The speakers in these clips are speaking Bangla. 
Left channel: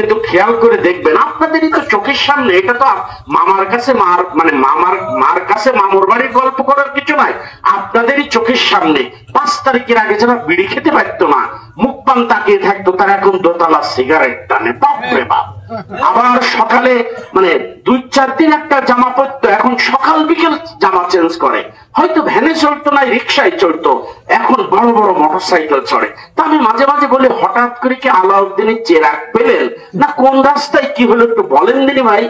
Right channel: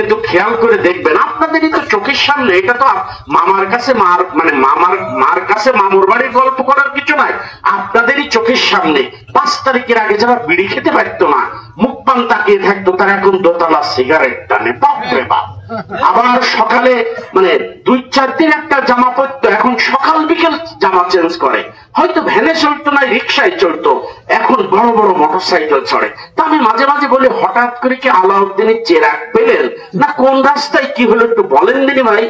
কিন্তু খেয়াল করে দেখবেন আপনাদেরই তো চোখের সামনে, এটা তো মামার কাছে মার কাছে মামুর বাড়ির গল্প করার কিছু নাই, আপনাদেরই চোখের সামনে 5 তারিখের আগে যারা বিড়ি খেতে পারতো না, মুখ পান তাকিয়ে থাকতো, তারা এখন দোতলা সিগারেট টানে। বাপরে বাপ। আবার সকালে 2-4 দিন একটা জামা পরতো, এখন সকাল বিকেল জামা চেঞ্জ করে। হয়তো ভ্যানে চলতো না, রিক্সায় চলতো, এখন বড় বড় মোটরসাইকেল চড়ে। তা আমি মাঝে মাঝে বলি, হঠাৎ করে কি আলাউদ্দিনের চেরাগ পেলেন না কোন রাস্তায় কি হলো একটু বলেন দিনি ভাই।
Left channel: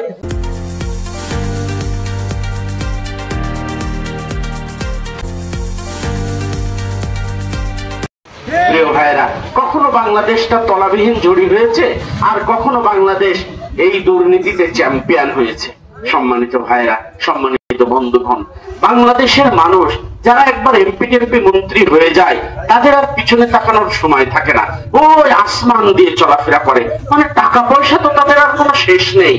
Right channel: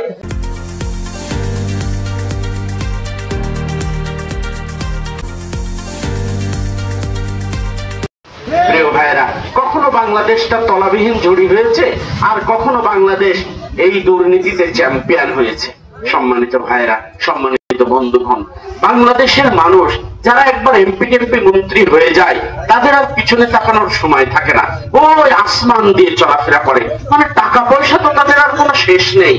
প্রিয় ভাইরা, কখনো বাংলাদেশটা তলাবিহীন জড়ি হয়েছে, আর কখনো বাংলাদেশ এই দুর্নীতিতে চ্যাম্পিয়ন হয়েছে। সম্মানিত ভাইরা, সম্মানিত বন্ধুগণ, বাংলাদেশের মানুষ যারা একবার এমপি মন্ত্রী হয়ে যায়, তাদের আর পিছনে তাকানোর সময় থাকে না, ওই আসমান দিয়ে চলাফেরা করে। টাকা পয়সা তো তাদের আর কোনো শেষ নেই।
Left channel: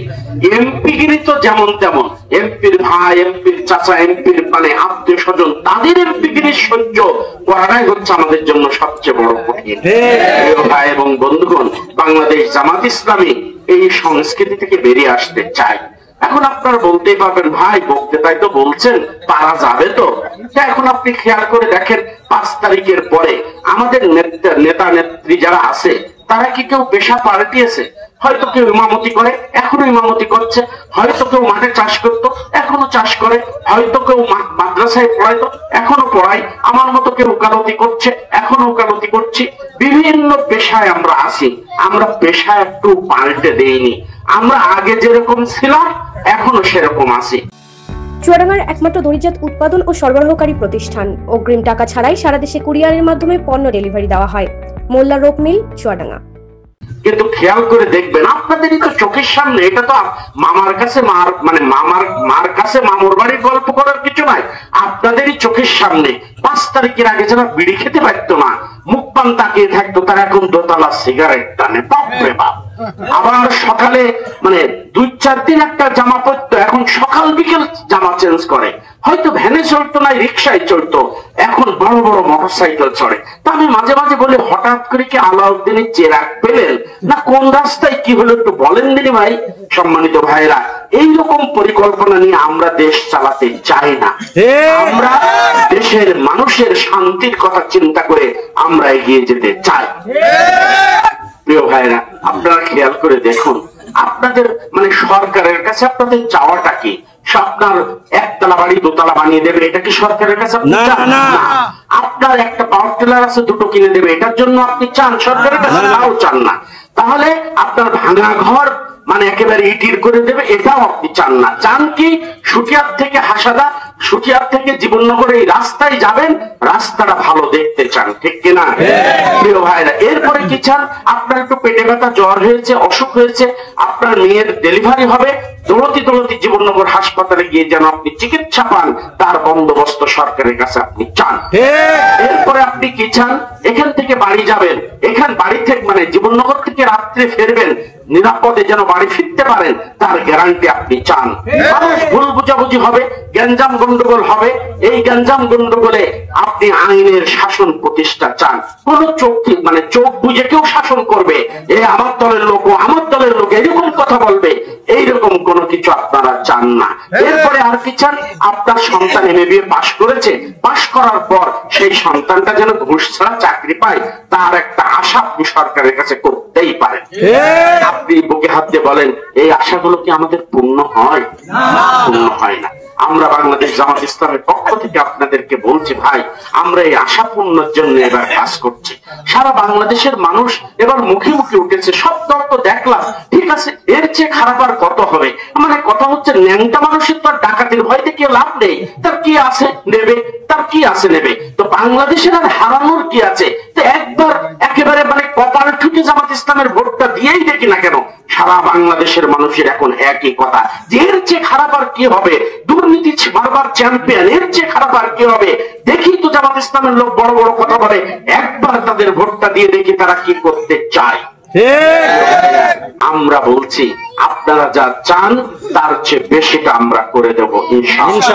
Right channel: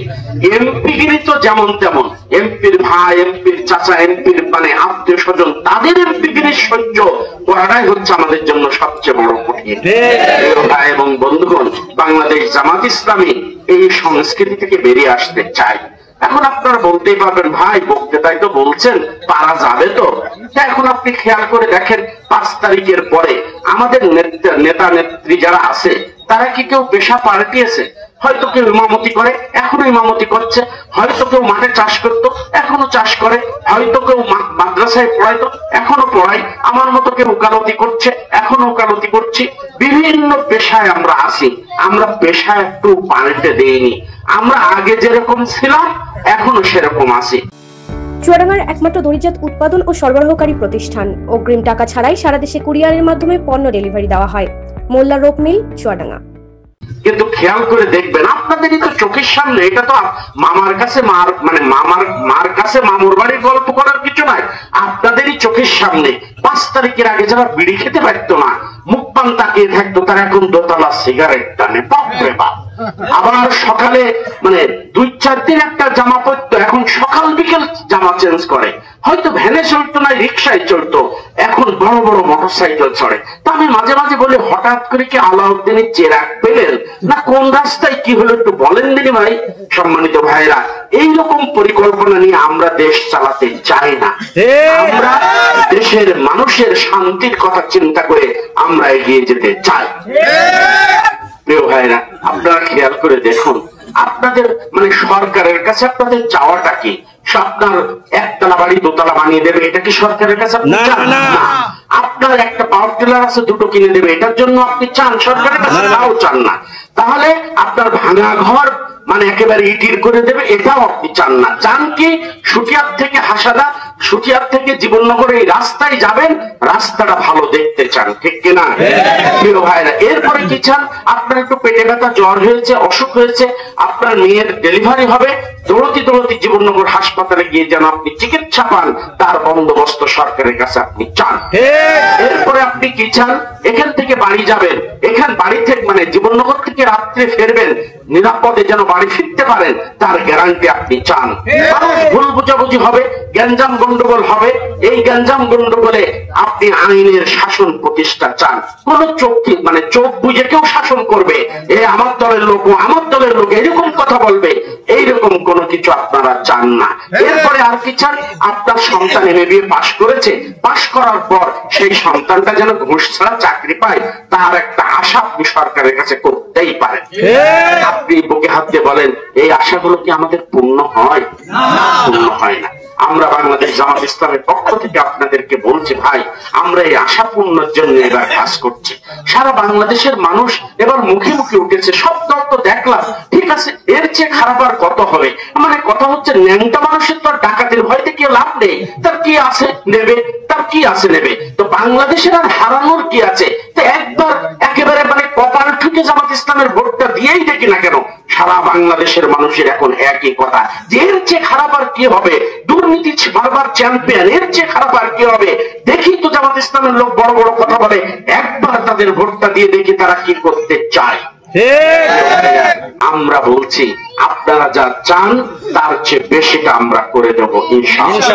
এমপিগিরি তো যেমন তেমন, এমপির ভাই, এমপির চাচা, এমপির আত্মীয় স্বজন, তাদের এমপিগিরি সহ্য করাটাই হচ্ছে আমাদের জন্য সবচেয়ে বড় কঠিন। ভাই এবং বন্ধুগণ, বাংলাদেশ জামাত ইসলামী এই সংস্কৃতি থেকে বেরিয়ে আসতে চায়। এখন আপনারা বলতেই পারবেন, ভাই বক্তৃতায় তো বলছেন তারা যাবে তো। এখন আপনি খেয়াল করে দেখেন, 5 তারিখের পরে আমাদের নেতা নেত্রী যারা আছে, তারা কি কেউ পেশা পাল্টিয়েছে? হয়তো কেউ ইমামতি করে, এখনো ইমামতি করছে। হয়তো কেউ মাঠে চাষ করতো, এখনো চাষ করে। হয়তো কেউ মাদ্রাসায় পড়াইতো, এখনো পড়ায়। আমার মতো কেউ ওকালতি করছে, এখনো ওকালতি করছি। বিভিন্ন পেশায় আমরা আছি। আমরা পেশা একটু পাল্টে দেইনি। আমরা আগে যেরকম ছিলাম এখনো সেরকম আছি। চুয়াডাঙ্গার একমাত্র দড়িজাত উৎপাদন ও সরবরাহকারী প্রতিষ্ঠান। অগ্রিম টাকা ছাড়াই সারা দেশে কুরিয়ারের মাধ্যমে পণ্য ডেলিভারি দেওয়া হয়। মোল্লা রোপ মিল, চুয়াডাঙ্গা। কিন্তু খেয়াল করে দেখবেন আপনাদেরই তো চোখের সামনে, এটা তো মামার কাছে মার কাছে মামুর বাড়ির গল্প করার কিছু নাই, আপনাদেরই চোখের সামনে 5 তারিখের আগে যারা বিড়ি খেতে পারতো না, মুখ পান তাকিয়ে থাকতো, তারা এখন দোতলা সিগারেট টানে। বাপরে বাপ। আবার সকালে 2-4 দিন একটা জামা পরতো, এখন সকাল বিকেল জামা চেঞ্জ করে। হয়তো ভ্যানে চলতো না, রিক্সায় চলতো, এখন বড় বড় মোটরসাইকেল চড়ে। তা আমি মাঝে মাঝে বলি, হঠাৎ করে কি আলাউদ্দিনের চেরাগ পেলেন না কোন রাস্তায় কি হলো একটু বলেন দিনি ভাই। সম্মানিত ভাইরা, এইরকম পরিকল্পনা নিয়ে আমরা দেশ চালাতে চাই না। আমরা দেশের মানুষের শান্তির কথা চিন্তা করে আমরা এগিয়ে যেতে চাই। প্রিয় ভাইরা, আপনারা খেয়াল করে দেখুন, আপনাদের সরকারের কাছে আপনাদের চাওয়াটা কি? আপনার একতলা বাড়ি 2তলা বানিয়ে দেবে, এটা কি সরকারের কাছে আপনি চান? না। আপনার একটা পাওয়ার টিলার আছে, 2টো কিনে দেবে, এটার জন্য আপনি চান? সরকারের কাছে তাও চান না। তাহলে আপনার ভাঙা ঘর একেবারে ইটির করে দেবে, এটাও আপনি চান না। চান কি? সুটিয়ার থেকে হাসাদা, সুটিয়ার থেকে জীবননগরে এই রাস্তায় যাবেন, রাস্তাটা ভালো দেখতে চান, ঠিক কিনা? প্রিয় ভাইরা, এরপরে কি চান? আপনার একটু পেটে ব্যথা, জ্বর হয়েছে, অসুখ হয়েছে, আপনার মেয়ের ডেলিভারি হবে, দৌড়তি জীবননগর হাসপাতালে গিয়ে যেন আপনি চিকিৎসা পান, তার বন্দোবস্ত সরকারের কাছে আপনি চান। এরপরে আপনি কি চান? এখান থেকে বাড়ি যাবেন, এখান বাড়ি থেকে জীবননগর থেকে রাত্রে ফেরবেন, নিরাপদে যেন বাড়ি ফিরতে পারেন, তার গ্যারান্টি আপনি চান। ভুল বুঝাবুঝি হবে, গ্যাঞ্জাম গন্ডগোল হবে, এই গ্যাঞ্জাম গন্ডগোলে আপনি আইনের শাসন প্রতিষ্ঠা চান। কোন চোখ বুঝে কেউ শাসন করবে, এ আমার দলের লোক, আমার দলের লোক, এরকম কথা বলবে, এইরকম কোনো কিছু আপনারা চান না। এরপরে আর কি চান? আপনার সন্তান MBA পাশ করেছে, পাশ করার পর সেই সন্তানটা যেন ঘুষ ছাড়া চাকরি পায়, তার একটা আশা আপনি সরকারের কাছে করতেই পারেন। আপনি বুকে হাত দিয়ে বলেন, এই আশাগুলো কি আমাদের পূর্ণ হয়? পূর্ণ হয় না। আমরা বাংলাদেশ জামাত ইসলামের পক্ষ থেকে আপনাদেরকে বলছি, ভাই আমরা এই আশা পূর্ণের জন্য এবার কাজ করছি। সারা বাংলাদেশের মানুষ এবার মুখে মুখে উঠেছে, সব দল তো দেখলাম, ঠিক আছে, এর চেয়ে খারাপ আর কত হবে? কথা হচ্ছে, ন্যাংটা মানুষের তো ডাকাতির ভয়তে কেউ লাভ নেই, তার কি আছে নেবে, তার কি আছে নেবে। তো বাংলাদেশের আর হারানোর কি আছে? তো একবার একেবারে কপাল ঠুকে জামাত ইসলামের ভোটটা দিয়েই দেখি না কেন, সারা বাংলাদেশের মানুষের এখন একই কথা, যে এর চেয়ে খারাপ আর কি হবে? দুর্নীতি বারবার চ্যাম্পিয়ন, এর চেয়ে খারাপ আর কি হবে? দেখি তো জামাত ইসলামের লোক বড় বড় কথা বলে, একবার তাদের ভোটটা দিয়ে দেখি তারা কি করতে চায়। আমরা বলছি, আপনারা যা চান তার চেয়ে বেশিটা আমরা করে দেবো ইনশাআল্লাহ।